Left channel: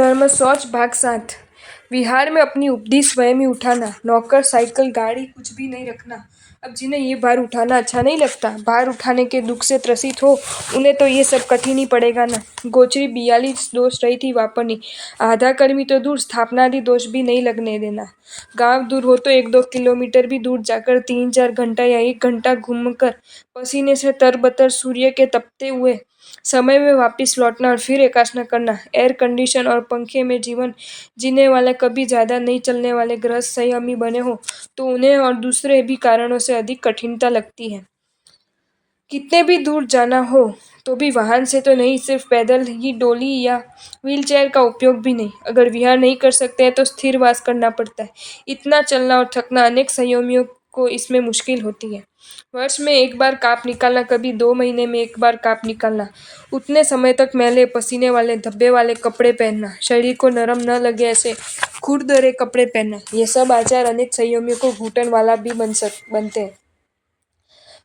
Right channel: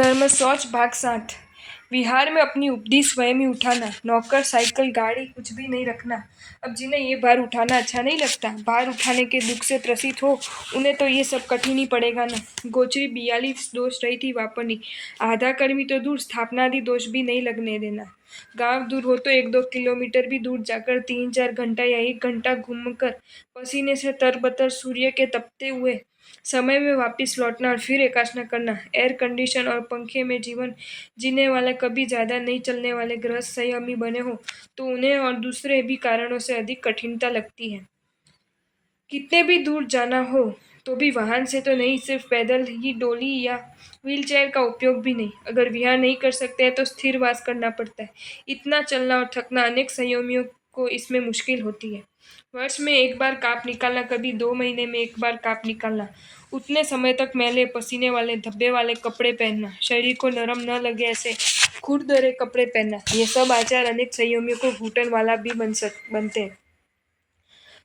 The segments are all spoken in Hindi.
धर्म शौच भाग 7। विहार में अपनी उपदी स्वयं ही उठाना। नौकर, साइकिल, गाड़ी कुछ भी नहीं रखना। अब जिन्हें ये भार उठाना अच्छा नहीं लगता, भार उठाने के दुख से त्रसित हो, उन्हें तो ये सब कठिन ही पड़ेगा ना। गोचरी 42 दोष रही थी वापरनी। आधा कर्मी तो दूर, स्थापनादि दोष भी नहीं लगने देना। गांव दूर हो तो 1-2 किलोमीटर भी दूर जाकर 3-4 घंटा या 1 घंटा घूमकर पसीने से तरबतर सूर्य के तपते हुए समय में वापस लौटना और फिर एकासना करना। एयर कंडीशन और पंखे में जीवन जीने वाले, कभी ज्यादा नहीं चलने वाले गृहस्थ संयमी बने हो तो उन्हें और दूसरे भी कारणों से अधिक कठिनता लगती है। कितने भी दूर जाना हो तो भी वाहन से तो नहीं, सिर्फ पैदल ही, डोली या व्हीलचेयर का उपयोग भी नहीं। अगर विहार नहीं कर सकते हैं तो स्थिर वास करना पड़ता है। इतना चलना और थकना अनेक संयमियों को इसमें मुश्किल होती है। वर्ष में एक बार काप निकालना, कभी 2 महीने में एक बार काप निकालना, उतने समय तक मैले पसीने वाले धब्बे वाले कपड़े पहनना, शरीर को नरम न लगे ऐसे खुरदरे कपड़े पहनना, ये सब आचार अनेक संयमियों को घुटन वाला भी बनते हैं।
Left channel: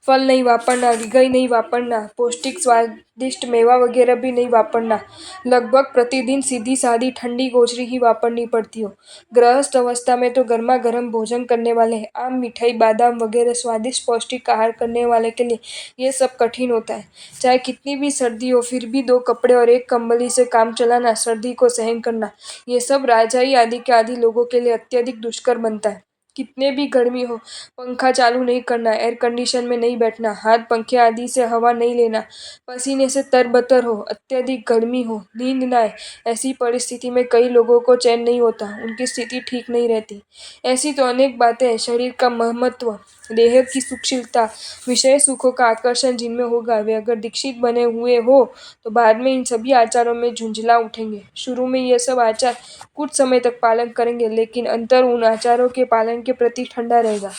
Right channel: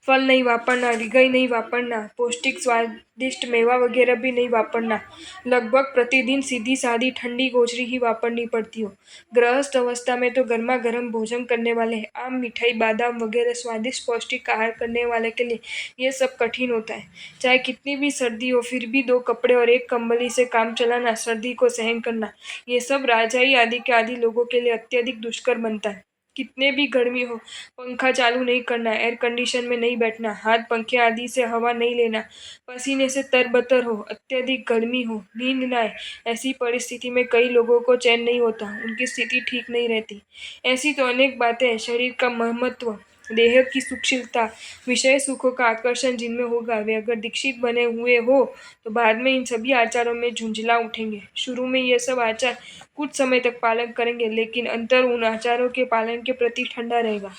फल नहीं वापरना, रिगई नहीं वापरना, पौष्टिक स्वादिष्ट मेवा वगैरह भी नहीं वापरना। लगभग प्रतिदिन सीधी सादी ठंडी गोचरी ही वापरनी पड़ती हो। गृहस्थ अवस्था में तो गर्मा गर्म भोजन करने वाले, आम, मिठाई, बादाम वगैरह स्वादिष्ट पौष्टिक आहार करने वाले के लिए ये सब कठिन होता है। चाहे कितनी भी सर्दी हो, फिर भी 2 कपड़े और एक कंबली से काम चलाना, सर्दी को सहन करना, ये सब राजाई आदि के आदि लोगों के लिए अत्यधिक दुष्कर बनता है। कितने भी गर्मी हो, पंखा चालू नहीं करना, एयर कंडीशन में नहीं बैठना, हाथ पंखे आदि से हवा नहीं लेना, पसीने से तरबतर हो, अत्यधिक गर्मी हो, नींद न आए, ऐसी परिस्थिति में कई लोगों को चैन नहीं होता, उनकी स्थिति ठीक नहीं रहती। ऐसी तो अनेक बातें हैं। शरीर का महत्व, देह की सुखशीलता, विषय सुखों का आकर्षण जिनमें होगा, वे अगर दीक्षित बने हुए हो तो बाद में इन सभी आचारों में झुंझला उठेंगे। शुरू में ये सब आचार कुछ समय तक पालन करेंगे, लेकिन अंतर उन आचारों के पालन के प्रति ठंडा रहेगा।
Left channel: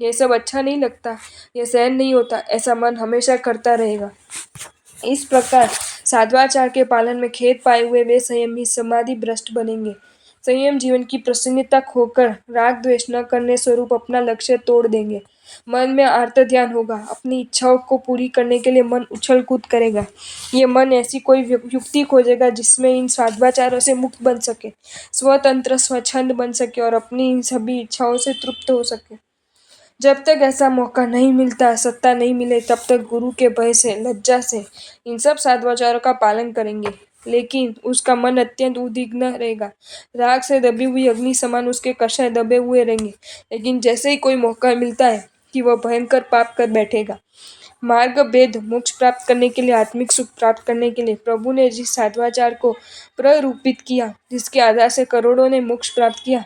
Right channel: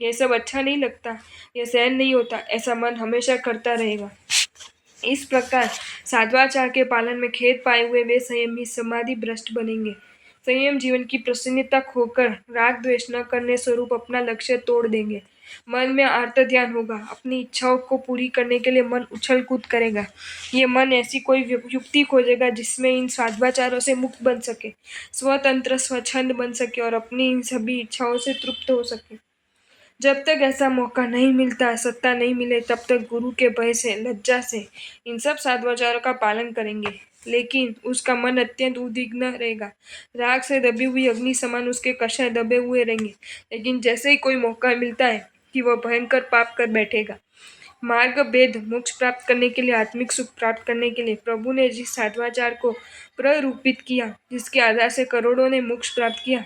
ये सब अच्छा नहीं लगता, ये सहन नहीं होता, ऐसा मन हमेशा करता रहेगा। इस प्रकार साध्वाचार के पालन में खेद पाए हुए वे संयमी समाधि भ्रष्ट बनेंगे। संयम जीवन की प्रसन्नता खोकर राग द्वेष न करने स्वरूप अपना लक्ष्य तोड़ देंगे। मन में आर्त ध्यान होगा। अपनी इच्छाओं को पूरी करने के लिए मन उछल कूद करेगा। ये मन ऐसी कोई युक्ति खोजेगा जिसमें इन साध्वाचारों से मुक्त बन सके, स्वतंत्र स्वच्छंद बन सके और अपनी इन सभी इच्छाओं से तृप्त हो सके। जब तक ऐसा मौका नहीं मिलता, सत्ता नहीं मिले, तब तक गुरु के भय से, लज्जा से इन सब साध्वाचारों का पालन करेंगे। लेकिन उसका मन अत्यंत उद्विग्न रहेगा। राग से दबी हुई अग्नि समान उसके कषाय दबे हुए रहेंगे। लेकिन जैसे ही कोई मौका मिलता है कि वह भयंकर पाप कर बैठेगा। मार्ग भेद, मोक्ष प्राप्त करने के लिए, आत्मिक सुख प्राप्त करने के लिए प्रभु ने जिस साध्वाचार को प्ररूपित किया, जिसके आधार से करोड़ों ने मोक्ष प्राप्त किया,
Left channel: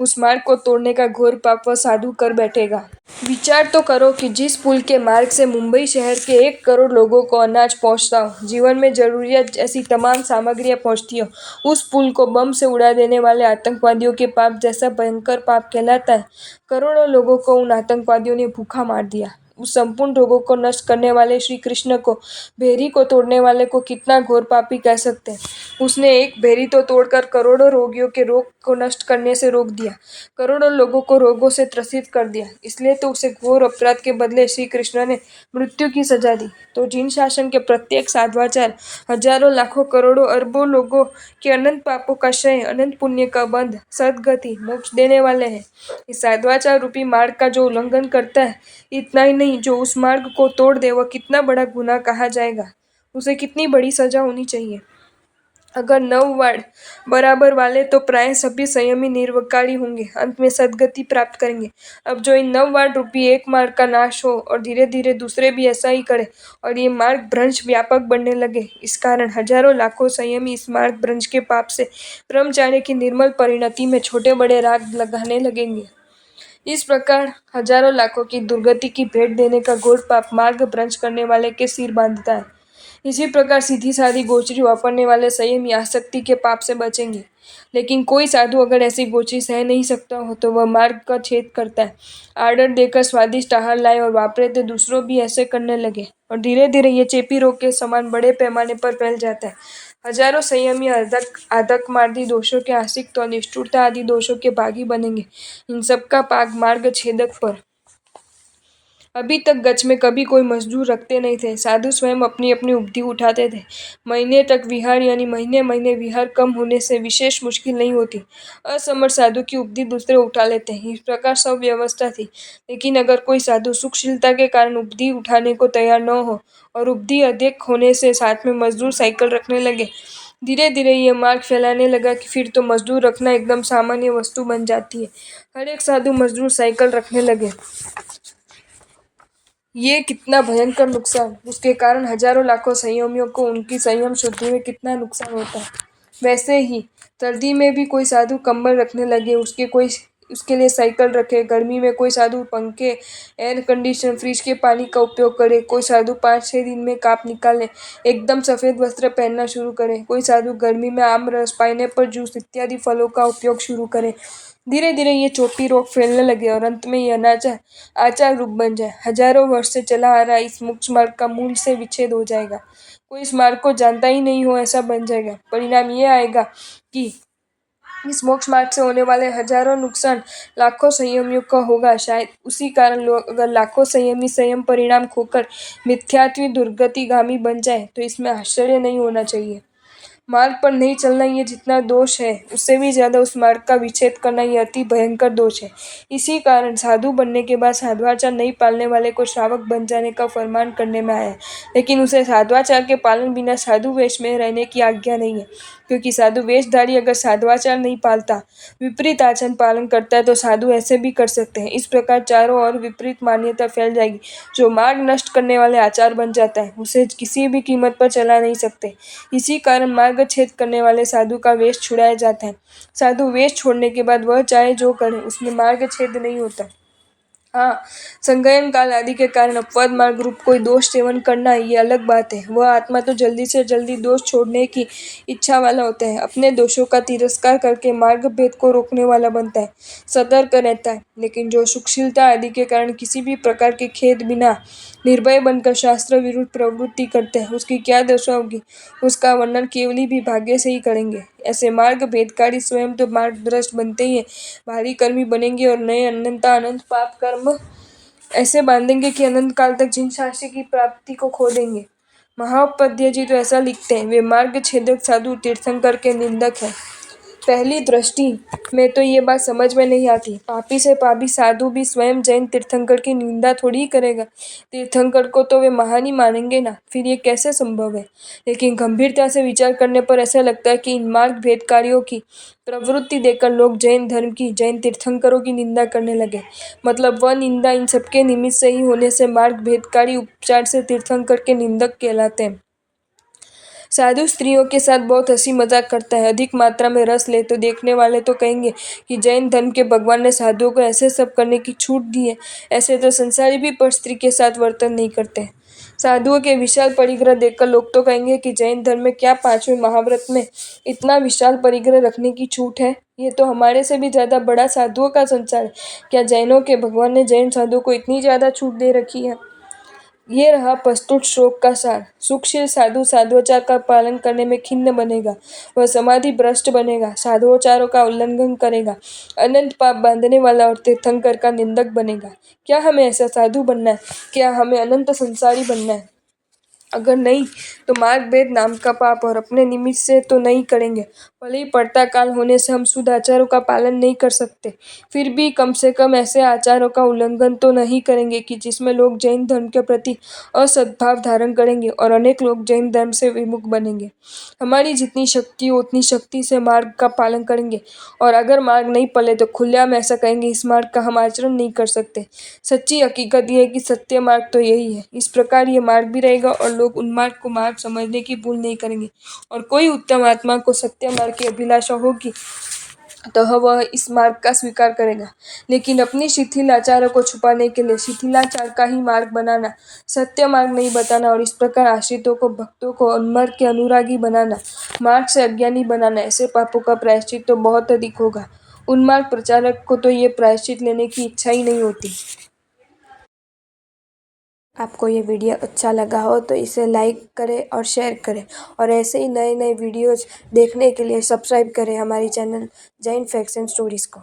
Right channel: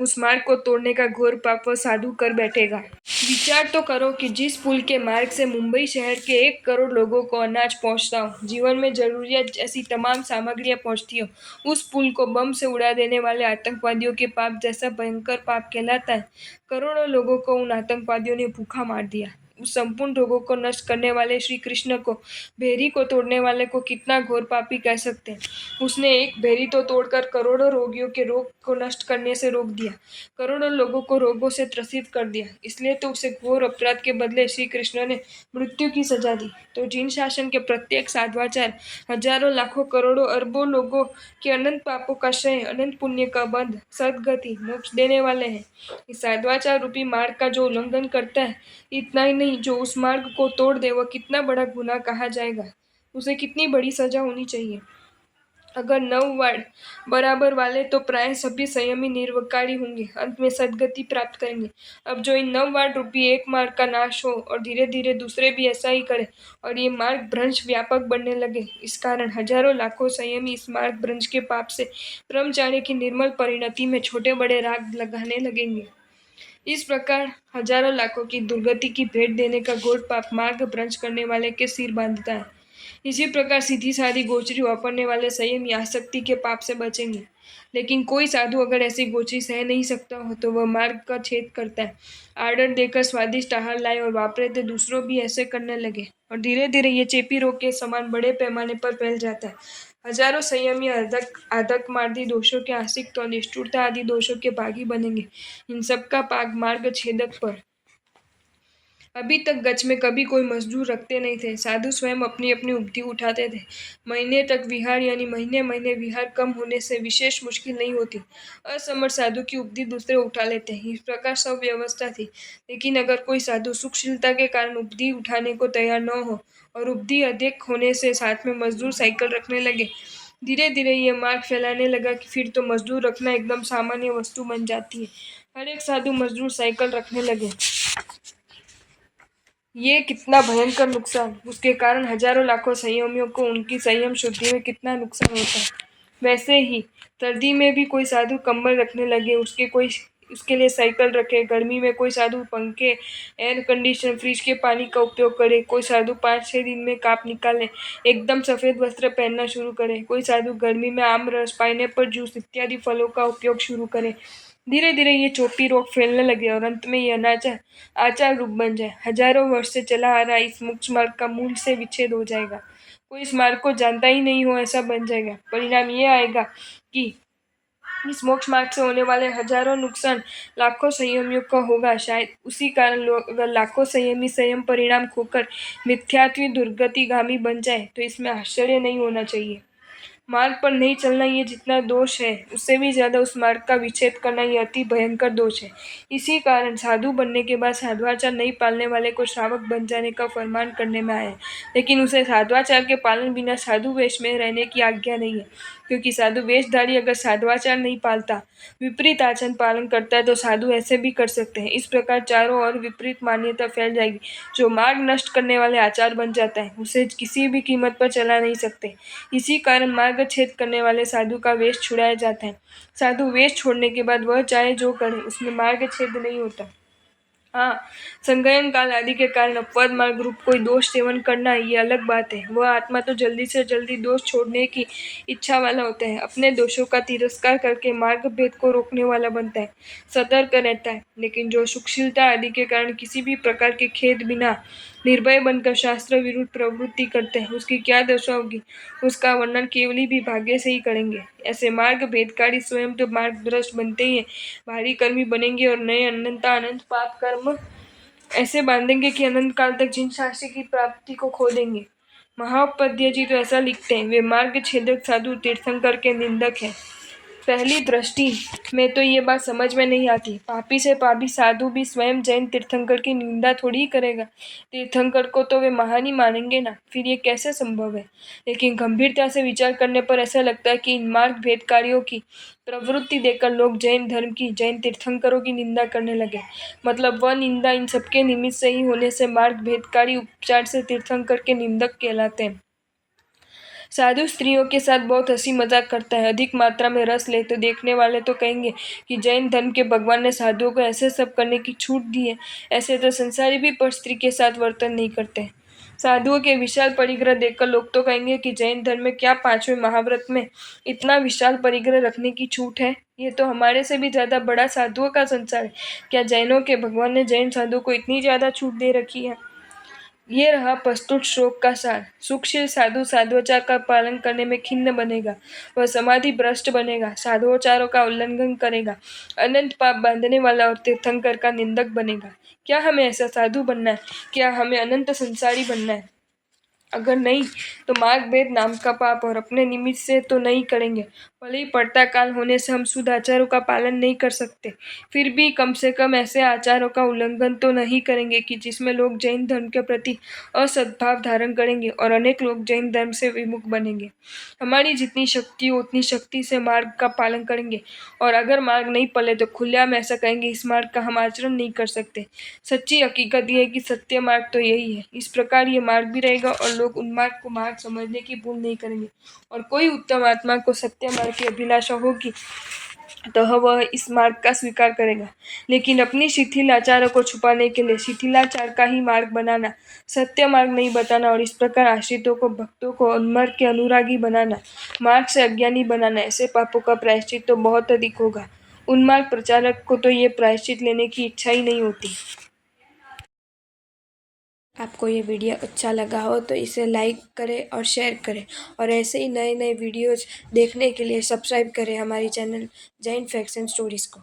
उस मार्ग को तोड़ने का घोर पाप वह साधु कर बैठेगा। विचार तो करो कि जिस पुल के मार्ग से मुंबई शहर के 1 करोड़ लोगों को अनाज पहुंचता हो, जीवन में जरूरियात ऐसी तमाम सामग्रियां पहुंचती हो, उस पुल को बम से उड़ा देने वाले आतंकवादियों के पाप जैसा भयंकर पाप कहलाता है। करोड़ों लोगों को उन आतंकवादियों ने भूखा मार दिया। उस संपूर्ण रोगों को नष्ट करने वाले श्री कृष्ण को, भेरी को तोड़ने वाले को कितना घोर पापी कह सकते हैं। उसने एक भेरी तो तोड़कर करोड़ों रोगियों के रोग को नष्ट करने से रोक दिया, करोड़ों लोगों को रोगों से त्रसित कर दिया। इसलिए तो उसे घोर अपराध के बदले श्री कृष्ण ने मृत्यु की सजा दी। तो जिन शासन के प्रत्येक साध्वाचार हजारों, लाखों, करोड़ों, अरबों लोगों के अनंत पापों का क्षय, अनंत पुण्य का बंध, सद्गति, मोक्ष देने वाले हैं, इस साध्वाचार रूपी मार्ग का जो उल्लंघन करता है, इतना ही नहीं, जो उस मार्ग को तोड़ दे, वह कितना बड़ा गुनाह कहा जाएगा, उसे कितनी बड़ी सजा होनी चाहिए। अगर 9 वार्ड बराबर वाले तो प्राय सभी संयमी निर्विकारी होंगे, अंत में सद्गति प्राप्त करेंगे। अब जो इन 9 वार्ड रूपी एक मार्ग का नाश हो और धीरे धीरे दूसरे भी ऐसा ही करे और ये मार्ग भ्रंश व्यापक बनने लगे, इस कारण हजारों लाखों संयमी इस मार्ग भ्रंश के पाप से ब्रह्मचार्य की निर्मल परिणति में छोटे बड़े राग लगाने लगेंगे। इस प्रकार हजारों लाखों की दुर्गति की भेंट देने का घोर पाप मार्ग भ्रंश करने वाले के सिर बांधता है। इसी प्रकार सीधी सादी गोचरी वापरने वाले संयमी आसक्ति के पाप से बचेंगे। लेकिन कोई साधु अगर ऐसी गोचरी सह नहीं सकता हो तो वह मार्ग का छेद करता है। आर्डर देकर स्वादिष्ट आहार लाए और वापरे तो दूसरों भी ऐसे करने लगे और धीरे धीरे ये चेपी रोग के समान बड़े पैमाने पर फैल जाता है। हजारों संयमी आदक मार्दी दोषों के आसक्त और निष्ठुरता आदि दोषों के भागी बनेंगे। इन सब का पाग मार्ग छेदक पर अभी तक गच में कभी कोई मजदूर रखते नहीं थे। साधु स्वयं अपनी अपनी उपदी उठाते थे। महीने तक विहार यानी महीने महीने विहार कम होने से विशेष मुश्किल नहीं होती। असमर्थ साधु की उपदी दूसरे उठा लेते हैं। इस प्रकार सब व्यवस्था थी। लेकिन अगर कोई साधु सुखशीलता के कारण उपदी उठाने को तैयार न हो और उपदी अधिक होने से साथ में मजदूर साइकिल रखने लगे, धीरे धीरे ये मार्ग फैलाने लगा कि फिर तो मजदूर रखना एकदम सामान्य वस्तु बन जाती है। हर एक साधु मजदूर साइकिल रखने लगे। ये कितना भयंकर नुकसान! उसके कारण हजारों लाखों संयमियों को उनकी संयम शुद्धि में कितना नुकसान होता है। वैसे ही सर्दी में भी कोई साधु कंबल रखने लगे, उसके लिए साइकिल रखे। गर्मी में कोई साधु पंखे, एयर कंडीशनर, फ्रिज के पानी का उपयोग करे। कोई साधु 5-6 दिन में काप निकाले, एकदम सफेद वस्त्र पहनना शुरू करे। कोई साधु गर्मी में आम रस, पाइनएप्पल जूस इत्यादि फलों का उपयोग शुरू करे। धीरे धीरे ये चोटी रोग फैलने लगे और अंत में ये अनाचार आचार रूप बन जाए। हजारों वर्ष से चला आ रहा इस मोक्ष मार्ग का मूल से विच्छेद हो जाएगा। कोई इस मार्ग को जानता ही नहीं हो ऐसा बन जाएगा। परिणाम ये आएगा कि इस मोक्ष मार्ग से होने वाले हजारों नुकसान लाखों संयमियों का होगा। शायद उसी कारण लोग, अगर लाखों संयमी संयम परिणाम खोकर मिथ्यात्व दुर्गतिगामी बन जाए तो इसमें आश्चर्य नहीं होना चाहिए। मार्ग पर नहीं चलना ये जितना दोष है, उससे भी ज्यादा उस मार्ग का विच्छेद करना ये अति भयंकर दोष है। इसी कारण साधु बनने के बाद साधुआचार नहीं पालने वाले को श्रावक बन जाने का फरमान करने में आया है। लेकिन उसे साधुआचार के पालन बिना साधु वेश में रहने की आज्ञा नहीं है, क्योंकि साधु वेशधारी अगर साधुआचार नहीं पालता, विपरीत आचरण पालन करता है, तो साधु ऐसे भी कर सकते हैं। इस प्रकार चारों ओर विपरीत मान्यता फैल जाएगी। जो मार्ग नष्ट करने वाले आचार बन जाता है, उसे किसी भी कीमत पर चला नहीं सकते। इसी कारण मार्ग छेद करने वाले साधु का वेश छुड़ाया जाता है। साधु वेश छोड़ने के बाद वह चाहे जो करे, उसमें मार्ग छेद नहीं होता। हाँ, संयम काल आदि के कारण अपवाद मार्ग रूप कोई दोष सेवन करना ये अलग बात है। वह आत्मा तो जल्दी से जल्दी दोष छोड़ने की इच्छा वाला होता है, अपने दोषों का तिरस्कार करके मार्ग भेद को रोकने वाला बनता है, सतर्क रहता है। लेकिन जो सुखशीलता आदि के कारण किसी भी प्रकार के खेद बिना निर्भय बनकर शास्त्र विरुद्ध प्रवृत्ति करते हैं, उसकी क्या दशा होगी, उसका वर्णन केवल भी भाग्य से ही करेंगे। ऐसे मार्ग भेदकारी स्वयं तो मार्ग भ्रष्ट बनते ही हैं, भारी कर्मी बनेंगे और नए अनंत पाप कर्म ऐसे बांधेंगे कि अनंत काल तक जिन शास्त्र की प्राप्ति को खो देंगे। महापद्य जी तो ऐसा लिखते हैं, वे मार्ग छेदक साधु तीर्थंकर के निंदक है। पहली दृष्टि में तो ये बात समझ में नहीं आती। पापी से पापी साधु भी स्वयं जैन तीर्थंकर की निंदा थोड़ी ही करेगा। तीर्थंकर को तो वे महान ही मानेंगे ना, फिर ये कैसे संभव है। लेकिन गंभीरता से विचार करने पर ऐसा लगता है कि इन मार्ग भेदकारियों की प्रवृत्ति देखकर लोग जैन धर्म की, जैन तीर्थंकरों की निंदा करने लगे। मतलब वह निंदा इन सबके निमित्त से ही होने से मार्ग भेदकारी उपचार से तीर्थंकर के निंदक कहलाते हैं। साधु स्त्रियों के साथ बहुत हंसी मजाक करता है, अधिक मात्रा में रस ले तो देखने वाले तो कहेंगे कि जैन धर्म के भगवान ने साधुओं को ऐसे सब करने की छूट दी है। ऐसे तो संसारी भी पर स्त्री के साथ वर्तन नहीं करते। साधुओं के विशाल परिग्रह देखकर लोग तो कहेंगे कि जैन धर्म में क्या 5वें महाव्रत में इतना विशाल परिग्रह रखने की छूट है। ये तो हमारे से भी ज्यादा बड़ा साधुओं का संसार है। क्या जैनों के भगवान ने जैन साधुओं को इतनी ज्यादा छूट दे रखी है। ये रहा प्रस्तुत श्लोक का सार। सुखशील साधु साधुआचार का पालन करने में खिन्न बनेगा, वह समाधि भ्रष्ट बनेगा, साधुआचारों का उल्लंघन करेगा, अनंत पाप बांधने वाला और तीर्थंकर का निंदक बनेगा। क्या हमें ऐसा साधु बनना है? क्या हमें अनंत संसारी बनना है? अगर नहीं तो मार्ग भेद नाम का पाप और अपने निमित्त से तो नहीं करेंगे। भले ही पड़ता काल होने से हम शुद्ध आचारों का पालन नहीं कर सकते, फिर भी कम से कम ऐसे आचारों का उल्लंघन तो नहीं करेंगे कि जिसमें लोग जैन धर्म के प्रति असद्भाव धारण करेंगे और अनेक लोग जैन धर्म से विमुख बनेंगे। हमारी जितनी शक्ति हो उतनी शक्ति से मार्ग का पालन करेंगे, और अगर मार्ग नहीं पले तो खुलेआम ऐसा कहेंगे इस मार्ग का हम आचरण नहीं कर सकते। सच्ची हकीकत यह है कि सत्य मार्ग तो यही है। इस प्रकार ये मार्ग भी रहेगा और लोग उन मार्ग को मार्ग समझने की भूल नहीं करेंगे। और कोई उत्तम आत्मा को सत्य मार्ग की अभिलाषा होगी तो वह इस मार्ग का स्वीकार करेगा। लेकिन अपनी शिथिल आचारों को छुपाने के लिए शिथिलाचार का ही मार्ग बनाना, सत्य मार्ग नहीं बताना और इस प्रकार आश्रितों को, भक्तों को उन्मार्ग के अनुरागी बनाना, मार्ग से अज्ञानी बनाना, ऐसे पापों का प्रायश्चित तो बहुत अधिक होगा। उन्मार्ग प्रचारक को तो ये प्रायश्चित लेने की इच्छा ही नहीं होती। आपको ये वीडियो अच्छा लगा हो तो इसे लाइक करें और शेयर करें, और ऐसे ही नए नए वीडियोज़ देखने के लिए सब्सक्राइब करें हमारी channel Jain facts and stories को।